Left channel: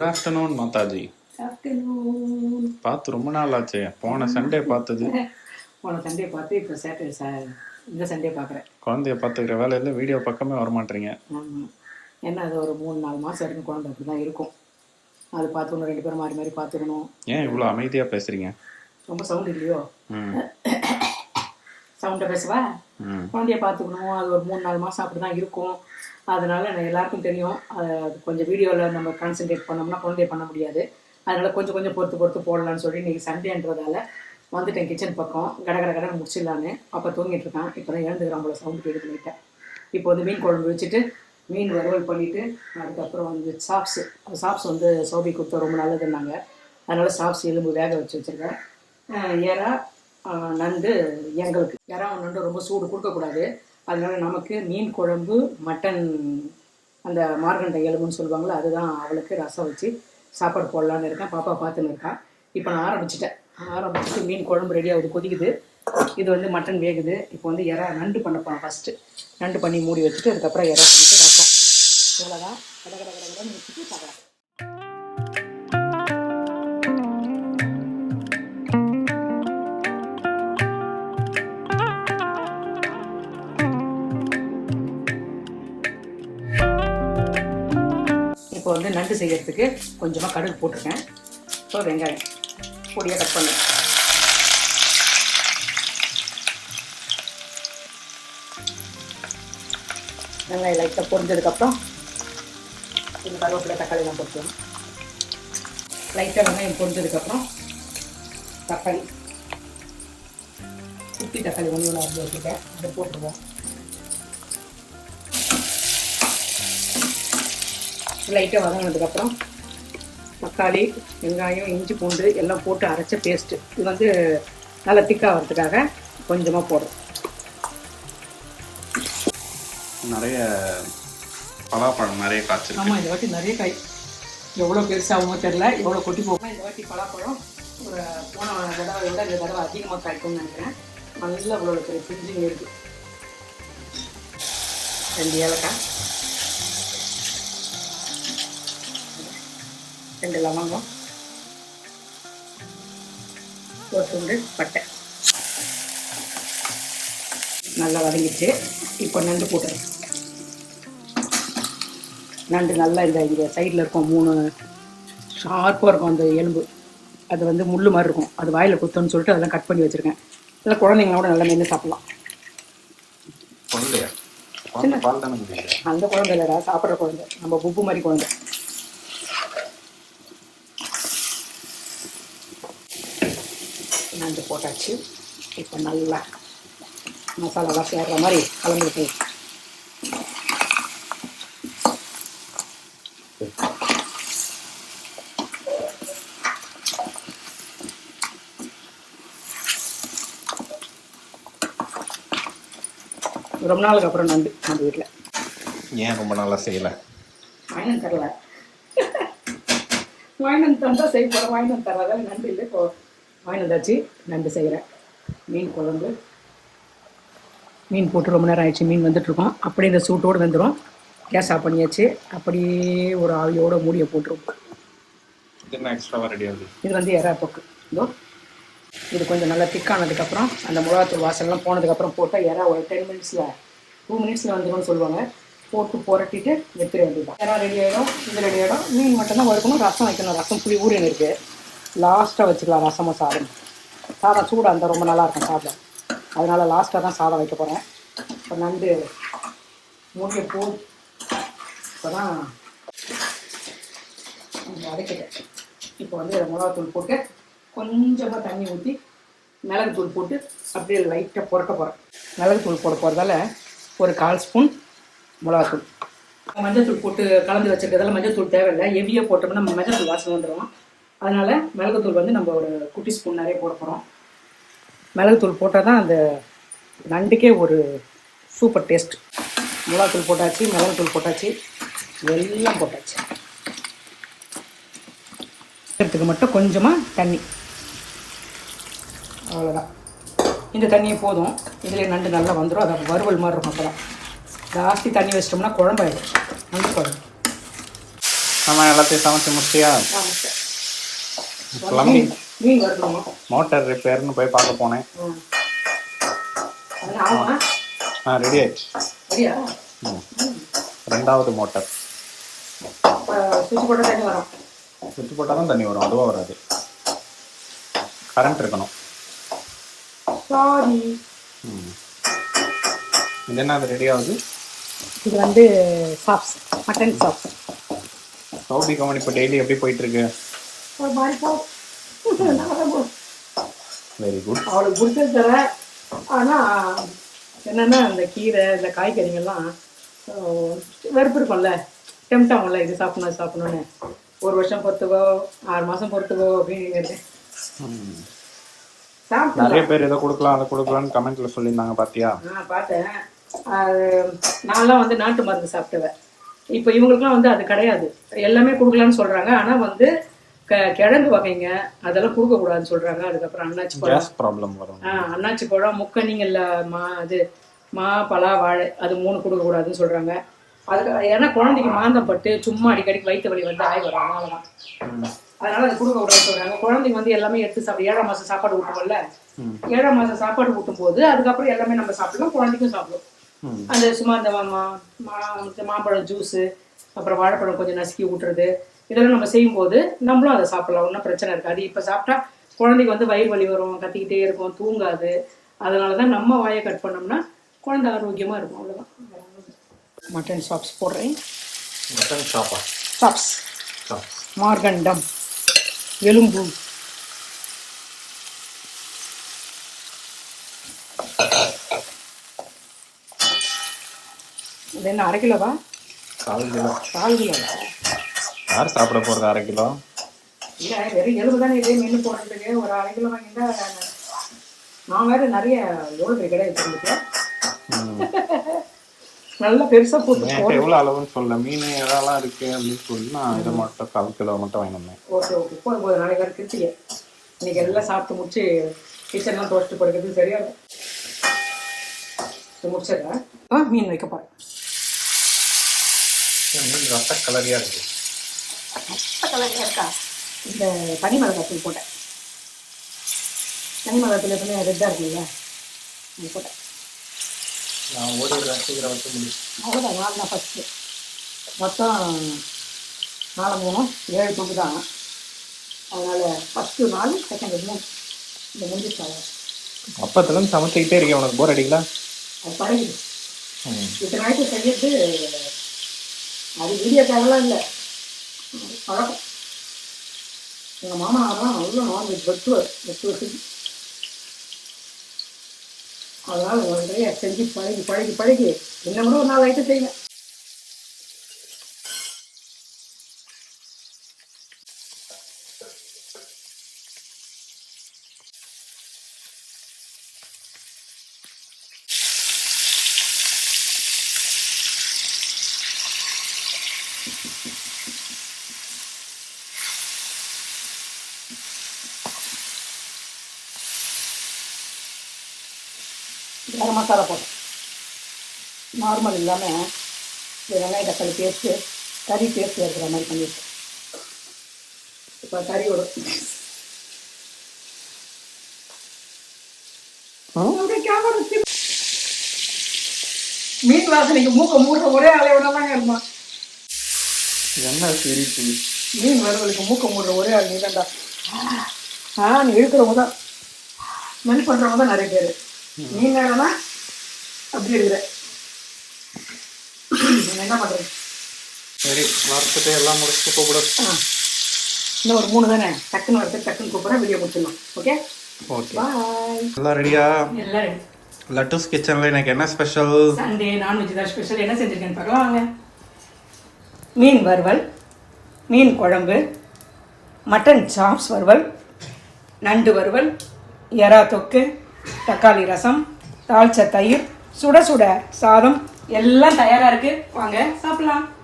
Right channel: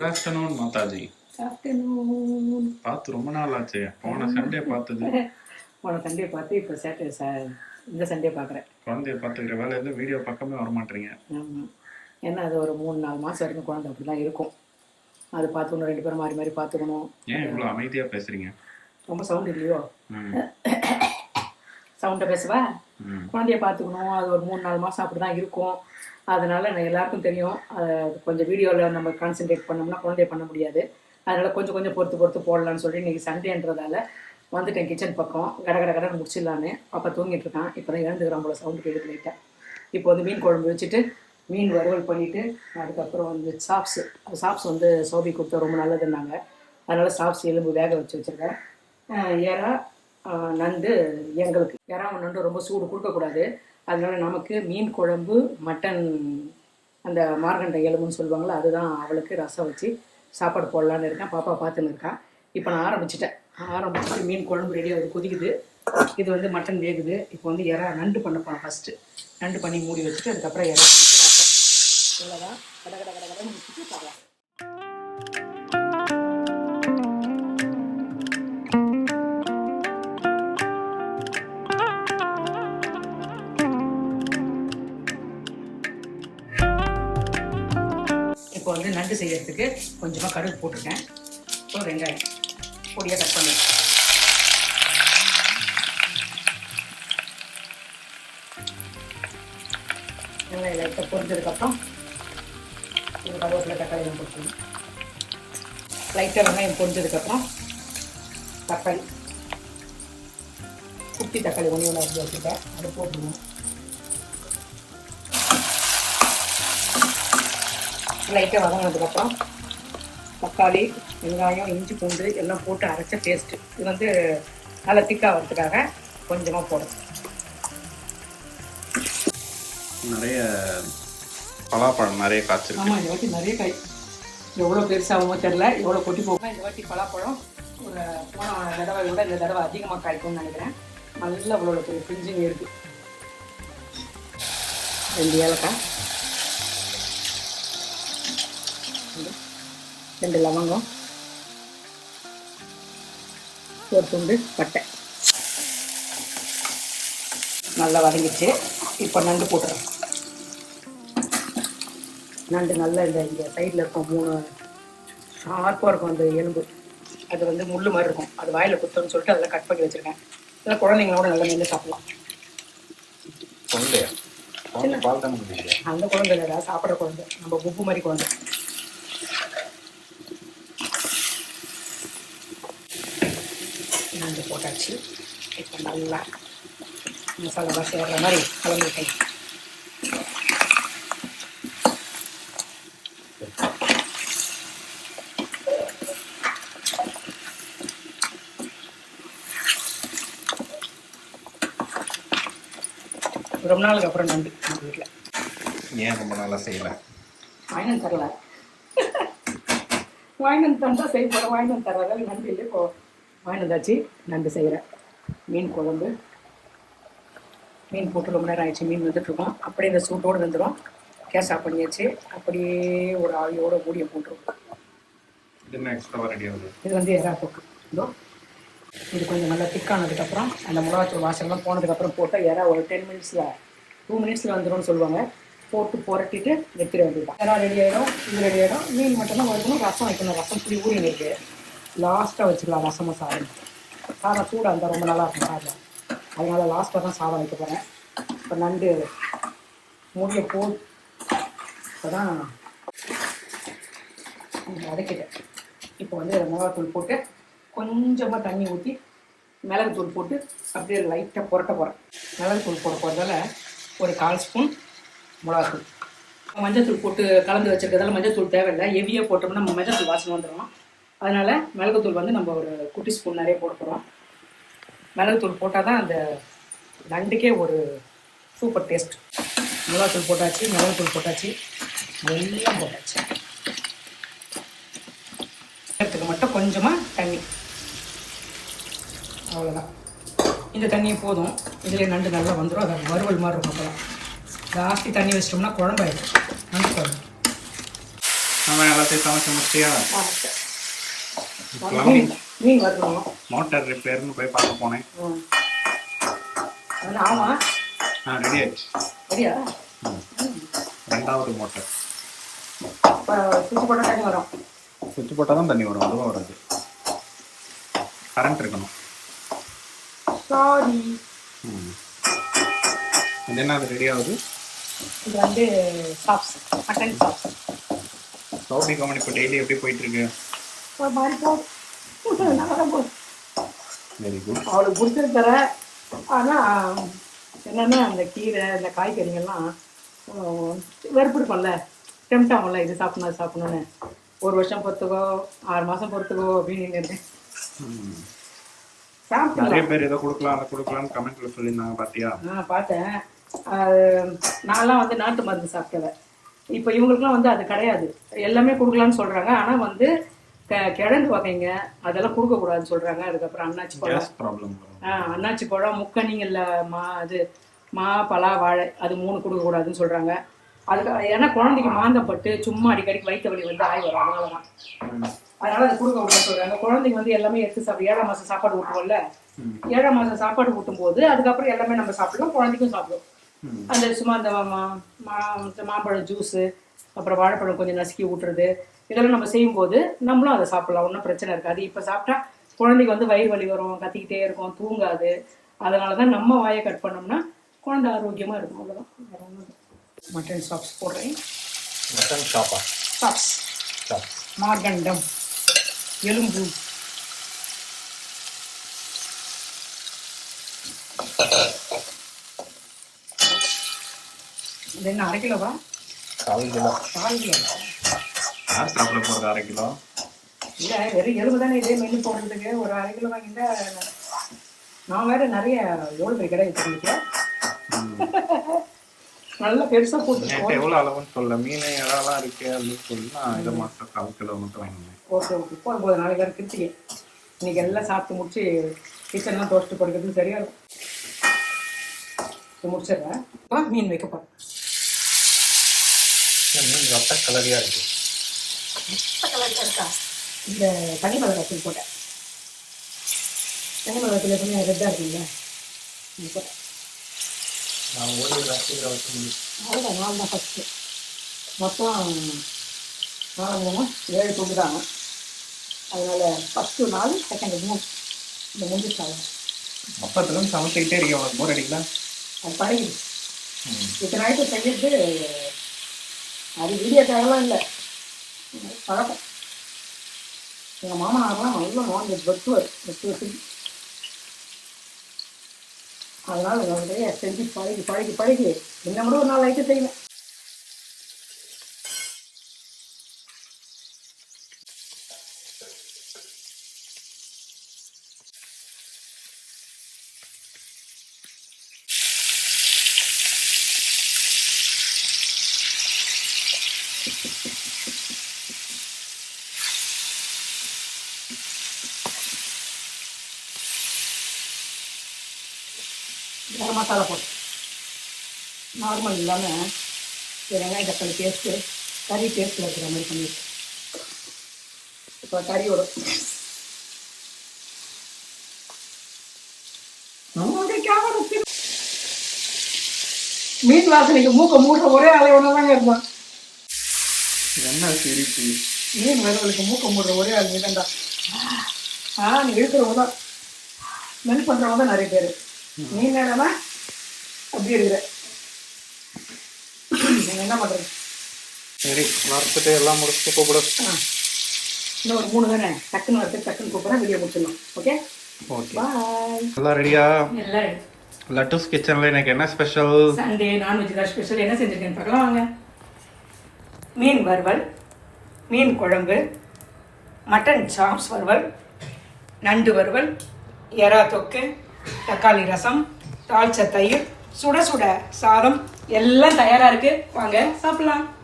Good afternoon Mataji. Afternoon. பார்த்து ரொம்ப நாள் ஆச்சு. போன சண்டே பார்த்தது. போன சண்டே பார்த்து இப்போ இந்த சண்டே பார்க்குறேன். குழந்தைய பார்த்துக்கிற வேலையில் வீடியோ பக்கமே வரமாட்டீங்க. ஆமாம், ஏன்னா அது ஒரு 3-4 மாதம் வரைக்கும் குழந்தை அப்படி தான் இருக்கும். அது பார்த்துக்கணும், 2 பேரும் மாறி மாறி பார்த்துக்கணும். ஏன் இவ்வளோ அமைதியாக பேசுகிறீங்க? ரொம்ப சவுண்ட் இல்லையோ? சவுண்டை பேசுவா. குழந்தைய பார்த்துக்கணும், அது ஒரு 3-4 மாதம் அப்படி தான் இருக்கும். அதனால் எல்லாருக்கும் தெரியும், அது கொஞ்சம் வீடியோவில் நம்ம கான்சென்ட்ரேட் பண்ணோம்னா குழந்தைய பண்ண முடியாது. அதனால் கொஞ்சம் பொறுத்து போடலான்னு சொல்லி இன்றைக்கி சண்டேன்றதால வந்துட்டேன் கிச்சன் பக்கம். கடை முடிச்சிடலான்னு. அப்போ தூங்கிட்டு இருக்கான். இப்போ தான் எழுந்துக்கிறான் போல, சவுண்டு கேட்டு பண்ணிட்டேன். இப்போ வந்து மீன் குழம்பு வச்சுட்டு மீன் வறுவல் பண்ணிவிட்டு அதுக்கப்புறம் வந்து சாப்ஸ் வந்து சோபி கொடுத்தா ரொம்ப நல்லதுன்னாங்க. அதனால் சாப்ஸ் எலும்பு வேக வச்சுருக்கேன். ஏறா நண்டு எங்களுக்கு நண்டு ரொம்ப சூடு கொடுக்கக்கூடாது. அதனால் நமக்கு மீன் குழம்பு, மட்டன் அந்த மார்கண்டை எலும்புன்னு சொல்லுவாங்களே, அதுதான் அவளுக்கு ரசம் வச்சு சாப்பாடு போடலான்னு இருக்கேன். பாப்பா பார்த்துன்னு இருக்கான். இப்போ நான் ஆரம்பிச்சுட்டு மீன் குழம்பு ரெடி ஆகுது, கொதிக்குது. இது வந்து மட்டன் வேகுது. இப்போ வந்து நண்டு பண்ண போகிறேன். ஃபஸ்ட்டு நண்டு பண்ணி மூடி வச்சுட்டு அதுக்கப்புறம் பண்ணிட்டு ரசம். இவ்வளோதான். கடை முடிச்சுட்டு பார்க்கலாம். இப்போ வந்து நண்டு செய்யறதுக்கு கொஞ்சமாக கடுகு போட்டிருக்கேன். இப்போ வெங்காயம் பொடியாக கட் பண்ணேன். வெங்காயம் லைட்டாக பொரிஞ்சதுக்கப்புறம் இது கருவேப்பிலை தக்காளிலாம் போட்டுக்கணும். லைட்டாக வெங்காயம் பொரிஞ்சதுக்கப்புறம் தக்காளி, குட்டி தக்காளி ஒன்று அரிஞ்சு வச்சுட்டேன், அதை போட்டுருவோம். லைட்டாக வதங்கினதுக்கப்புறம் தக்காளி, வெங்காயம், இஞ்சி, பூண்டு எல்லாம் போட்டு அரைச்ச பேஸ்ட்டு. இது வந்து நல்லா திக்காகிறதுக்காக கொஞ்சமாக போடும். நிறைய பலாப்பழம் நிறைய காய்ச்சிருக்கு. ஆமாம், இந்த வாட்டி நிறைய காய். எவ்வளோ பெருசாகுமோ தெரில, எவ்வளோ கொட்டி போகுமோ. இந்த வாட்டி பலாப்பழம் ஒரு போன தடவை விட இந்த தடவை அதிகமாக காய்க்கும்னு நினைக்கிறேன். நல்லா அவ்வளோ பெரிய பிஞ்சுங்க இருக்குது. 2 ஏலக்காய், 2 லவங்கம், ஒரு துண்டு பட்டை. நல்லா வதங்கிடுச்சு. இப்போ நண்டு போட்டுறேன். நண்டு நல்லா இந்த சைடில் இருக்கும் 3 ஷார்ப்பாக இருக்கும் அந்த எலும்பு. அது வந்து முள் மாதிரி இருக்கும். அது வாயில் குத்தணும்னு சொல்லிட்டு அதெல்லாம் கட் பண்ணி வச்சுருக்கேன். இல்லை குழந்தைங்களோட நல்லா மென்று சாப்பிட்லாம். அந்த குழந்தை இல்லைடா, சாப்பிட்ற குழந்தை. நம்ம புப்பு மாதிரி குழந்தை. நண்டு போட்டாச்சு. இப்போ நல்லா மசாலாலாம் சேர்ற மாதிரி கலந்துட்டேன். ரொம்ப நாளுக்கு அப்புறம் நண்டு நம்ம வீட்டில். ஏன் ரொம்ப நாளாக செய்யலை? வாங்கினு தரல. வாங்கினு தந்தால் செய்ய போகிறேன். வாங்கினு தர்றதால நண்டு இல்லை. இப்போ வாங்கினதாச்சு. நண்டு செய்கிறேன். மீன் குழம்பு. மீன் போட்டு ரொம்ப நேரம் ஆயிடுச்சு. மீன் வந்துட்டுருக்கோம். அப்படியே இந்த சூட்டோடு வந்துடும். கேஸ் ஆஃப் பண்ணியாச்சு. அப்படியே ஒரு ஆவியோட மூடியை போட்டுருவோம். என்ன எக்ஸ்ட்ராவாக ரெடி ஆகுது? இது வந்து எறா போக்கு. இதோ இது கொஞ்சம் நல்லா திக்கானதுக்கப்புறம் அந்த மிளகாத்தூள் வாசல்லாம் போனதுக்கப்புறம் போட்டால் எறா ஒரு 10 மினிட்ஸில் 2 மினிட்ஸில் வந்துடும்னு சொல்லுவாங்க. போட்டு புரட்டிட்டு எடுத்துட வேண்டியதுதான். எறா ரெடி ஆகிடும். இது ரெடி ஆகிடும். மீன் மட்டும்தான் வறுக்கணும். ரசம் வைக்கணும். ரசம் புளி ஊறின்னு இருக்குது. லாஸ்ட்டாக வச்சுக்கலாம் ரசமாக. சாதம் சூடாக இருந்தால் ரொம்ப நல்லாயிருக்கும் சாதம். அதனால் லாஸ்ட்டாக தான் சாதம் வைக்க போகிறேன். இப்போ நண்டு மூடிய இப்போ தான் வதக்கிட்டேன். இப்போ வந்து மிளகாத்தூள் போட்டு கொஞ்சமாக தண்ணி ஊற்றி மிளகுத்தூள் போட்டு அப்படியே லைட்டாக புரட்ட போகிறேன். மிளகுத்தூள் போட போகிறதால ஒரு 1/4 ஸ்பூன் மிளகாத்தூள். மஞ்சள்தூள் போட்டு கலந்து வச்சுருக்கிறதால மஞ்சள்தூள் தேவையில்லை. ஹெவியாக போட்டோம்னா நம்ம மஞ்சள்தூள் வாசனை வந்துடும். அதனால் மிளகுத்தூள் வந்து நம்ம ஒரு குட்டி ஸ்பூன் நிறைய போட போகிறோம். மிளகுத்தூள் போட்டால் தான் அந்த நண்டுக்கே ஒரு சூப்பர் டேஸ்ட். மிளகாத்தூள் போட்டாச்சு, மிளகுத்தூள் போட்டாச்சு, எல்லாம் போட்டாச்சு. எடுத்துக்கு மட்டும் கொஞ்சமாக தண்ணி, அவ்வளோதான். இந்த தண்ணியே போதும். இதுலேயே நண்டு நல்லா வந்துடும். அது வறுவல் மாதிரி இருக்கும். அப்போ தான் ஜாஸ்தி தண்ணி வச்சிட்டோம்னா குழம்பாயிடும். நண்டு குழம்பு நம்ம எல்லாத்தையும் சமைச்சு முடிச்சியா? ஆமாம், மீன் வரணும். மோட்டார் ரிப்பேர்னு போய் பார்க்க போனேன். ஆமாம், ரெடி ஆயிடுச்சு. சரியா? ரெண்டாவது மோட்டார் சுவிட்ச் போட்டால் தண்ணி வரும். சுவிட்ச் போட்டால் தான் தண்ணி வரும், அதுவாக வராது. கரண்ட் இருக்கணும். சாரி. இது என்ன, அது ரெடி ஆகுது? இது வந்து chops, mutton chops. Sowbi company இப்போ டெய்லி எப்படி போயிட்டுருக்கு? ஒரு மாதிரி போகும், நல்லா தான் போகும். Very good. அவளுக்கு பிடிச்சது தர. ஆனால் என்னென்னா அந்த கீரை இந்த காய்கறிகள்லாம் வெறுப்பு இருக்கும்ல, டெம்ட் ஆகும்ல, இது சாப்பிடணும் அது சாப்பிடணுன்னு. ஒரு வருஷம் பொறுத்துக்கோ 6 மாதம் பொறுத்துக்கோ அப்படின்னு இருக்கேன். நிறைய பேர் இதை கொடுக்கலாம் அதை கொடுக்கலான்னு கமெண்ட்ல சொல்லியிருந்தாங்க, பார்த்தியா? பார்த்தேன். அது நான்லாம் வந்து நாட்டு மருந்து சாப்பிட்டவன். இப்போ இவங்களுக்குலாம் வந்து அது கிடையாது, எல்லாமே கொடுக்கலான்னு சொல்கிறாங்க. ஆனால் வந்து கிழங்கு வகைங்க அதெல்லாம் கொடுக்கக்கூடாதுன்னு சொல்கிறாங்க. அதுக்கப்புறம் அன்னாச்சி பழம் ப்ராப்ளம் வரும். அன்னாச்சி பழம், முக்கணிங்கல்ல மா பலா வாழை அது 3 கொடுக்கக்கூடாதுன்னு சொல்கிறாங்க. அதுக்கு ஏன்னா குழந்தைக்கு மாந்தம் பட்டு சும்மா அடிக்கடிக்கு வயிற்று வலி வந்து ஆய் வரும், அதனால தான். அதனால அது கொடுக்கக்கூடாதுன்னு சொல்கிறாங்க. குழந்தைங்க வந்து எல்லாமே எடுத்து 7ஆம் மாதம் சாப்பாடு ஊட்டுவோம்ல, 7ஆம் மாதம் சாப்பாடு ஊட்டும் போது அதுக்கப்புறம் எல்லாமே நம்ம சாப்பிடலாம், குழந்தைக்கும் சாப்பிடும். அந்த சும்மா அந்த மாம்பழம் ஜூஸு, அப்புறம் வாழைப்பழம் கொஞ்சம் நசுக்கி ஊட்டுறது, இதெல்லாம் நம்ம செய்யும்போது நம்மளும் அதை சாப்பிடலாம், ஒன்றும் பிரச்சனை இருக்காது. இப்போ சாப்பிட்டா குழந்தைக்கு வந்து வயிறு வலி வரும், கத்திக்கிட்டே இருக்கும், தூங்காது. அதனால தான் நம்ம வாயை கட் பண்ணோம்னா குழந்தை ஆரோக்கியமாக இருக்கும், அவ்வளோதான். மட்டன் சாப்ஸ் போடுறேன். மட்டன் சாப்பா சாப்ஸ், மார்கண்டம், எலும்பு. இது என்ன 1/2 கிலோவா? 1/4 கிலோ. 1/4 கிலோ யார் சாப்பிட போகிறது 1/2 கிலோ? இல்லை, வெறும் எலும்பு தானே இதே மென்று போடுறதுக்கு. ஒரு 1/2 கிலோ வாங்கிட்டா நான் வேறு நிறைய எவ்வளோ பெரிய கடை வச்சுருந்துருக்கேன். நல்லா பெருசாக போட்டு எவ்வளோ அளவுன்னு சொல்ல, மீன் எதெல்லாம் இருக்குது அப்படின்னு சொல்லி நான் இதை மட்டும் 1/4 கிலோ மட்டும் வாங்கினேன். ஓகே போதும். நாளைக்கு வேறு கிருத்திகை, இன்னைக்கு எல்லாம் சாப்பிட்டு முடிச்சு கிச்சன்லாம் டோஸ்ட்டு படுக்கிறதுக்கு சரியாக இருக்கும். இது முடிச்சிடுறேன். மீன் வைக்க போகிறேன். மீன் ரத்த கலரியாக இருக்குது. ரத்த கலரியாக இருக்கா? இந்த தனி மிளகாத்தூள் போட்டேன். தனி மிளகாத்தூள் எப்பவுமே ரெட்டாக இருக்குல்ல, இது போட்டேன். நான் ஓடிடுறேன், சீக்கிரம் வச்சு முடியும். அவ்வளோதான், 4 தான் ஃபஸ்ட்டு. மொத்தம் 4 7 துண்டு தான். அதனால் ஃபஸ்ட்டு 4, செகண்டு 3. இந்த முடிச்சு ஆகும். அப்பத்துலேருந்து சமைச்சிக்கிட்டே இருக்கேன், உனக்கு போர் அடிக்கல? அது பழகிது. இத்தனை நாளைக்கு செய்யறது அது வீடியோக்காகலாம் இல்லை, பழக்கம். எங்கள் மாமனாரெலாம் நல்லா நான்வெஜ் வெட்டுவது. அதனால் நிறைய செஞ்சு பழகி இன்னும் கூட ஒரு 4 ஐட்டம் செய்வேன். கரம் மசாலா போட்டு நார்மல் இல்லாமல் வெங்காயம் தக்காளி பேஸ்ட்டு, கறி பேஸ்ட்டு வைக்கிற மாதிரி பண்ணிட்டு இப்போ கறியோட மீன் வாசனைக்கு மூக்க மூடுற ஒரே அளவுனாலாங்க இருப்பான். என்ன சிரிப்பு? மீன் வறுவலுக்கு மூக்க மூடுற ஒரே ஆள் நீதான்டா. நீ இருக்கிறவங்க தான் மென் பண்ணுறவங்க தான் நிறைய பேர். மீன் நேரம்னா அப்படி இருக்கிற என்ன பண்ணுறது? சரி, வறுத்துட்டு எல்லாம் முடிச்சுட்டு கூப்பிடு. இன்னும் ஒரு 3 தானே, டக்குன்னு வறுத்து டக்குன்னு கூப்பிட்றேன், வீடியோ முடிச்சிடலாம். Okay bye. எல்லாம் ரெடியா? எல்லாம் ரெடி. லட்டூஸ் கிச்சனில் எனக்கு என்ன ஸ்பெஷல்? சண்டே நான்வெஜ் தான் ஸ்பெஷல். என்ன செஞ்சுருக்கேன்னு பார்க்கலாம் வாங்க. மீன் வறுவல், மீன் குழம்பு, மட்டன் சாப்ஸ் வறுவல், நண்டு வறுவல், எறா தொக்கு, தக்காளி ரசம், தாளிச்ச தயிர், சுட சுட சாதம் எல்லாம் தயாராக இருக்குது. வாங்க சாப்பிடலாம்.